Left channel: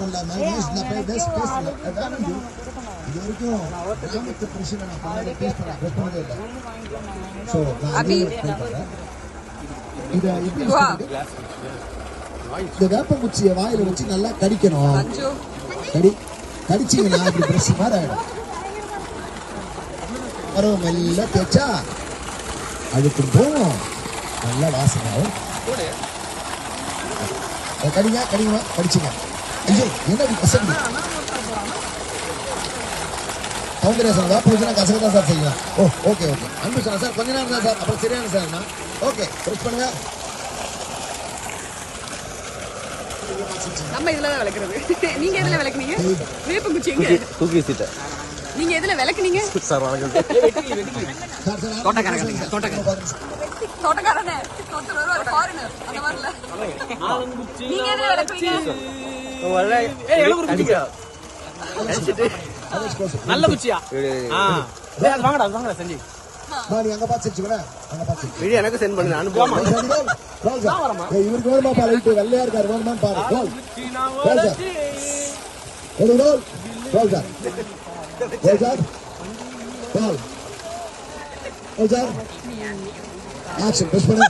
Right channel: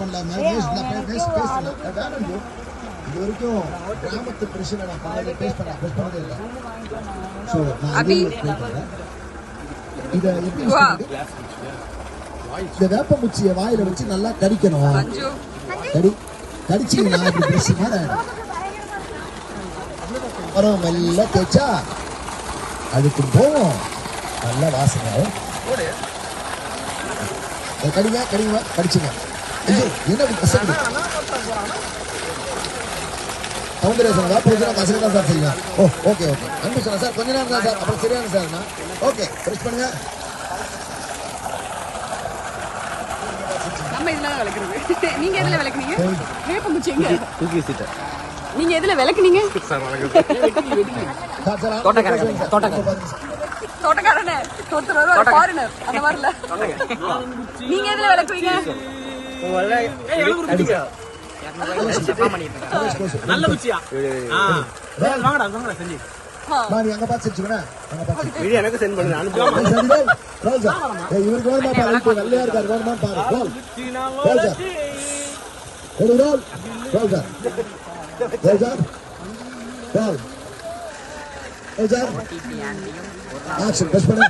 பண்ணலாமா இது வரைக்கும் கிராமத்து பிரச்சனை இந்த வேப்பமுச்சியை வாயில வச்சு நல்லா கடிக்கணும். கடிச்சீங்கன்னா அப்படி பிரஷ் மாதிரி ஆயிடும். அப்புறம் மெல்ல தேய்ச்சா அதுக்கு போவோம், நல்லா வாசனாகும். கடிங்க கடிங்க கடிச்சுங்க. ஐயோ என்ன கசக்குது. சௌந்தரேசன் வேப்பமுச்சினா கசக்கு தான் சார் செய்வேன். ஓ ஓகே ஓகே. அன்பு சொன்னா சார் கொஞ்ச நேரம் தான் சார், அப்புறம் சரியான சார். ஓகே பிரஷ் பண்ணுங்க. நம்ம இதுல தான் விளக்குறது. நீங்க எதுல விளக்குனீங்க? வேப்பங்குச்சிங்க. தூக்கி சீட்ட. நீங்க எதுல விளக்குனீங்க? சார் தோட்டக்காரங்க. தோட்டக்காரனே. தோட்டக்காரனே ஒரு ஃபாரினர் அந்த மாதிரி இல்ல. நீங்க எதுல விளக்குவீங்க? அடிக்கா. நல்ல குச்சியா? வாங்கடா வாங்கடா செஞ்சி. நான் எங்க பாத்துச்சுனா வீடியோ எனக்கு சென்ட் பண்ணுங்க அனுப்புங்க. இவருக்கு வேணுமா பாரு, இப்போ வெள்ளையா இருக்காரு வேணுமா பாரு. ஆக்ஷன் பிரஸ் பண்ணு.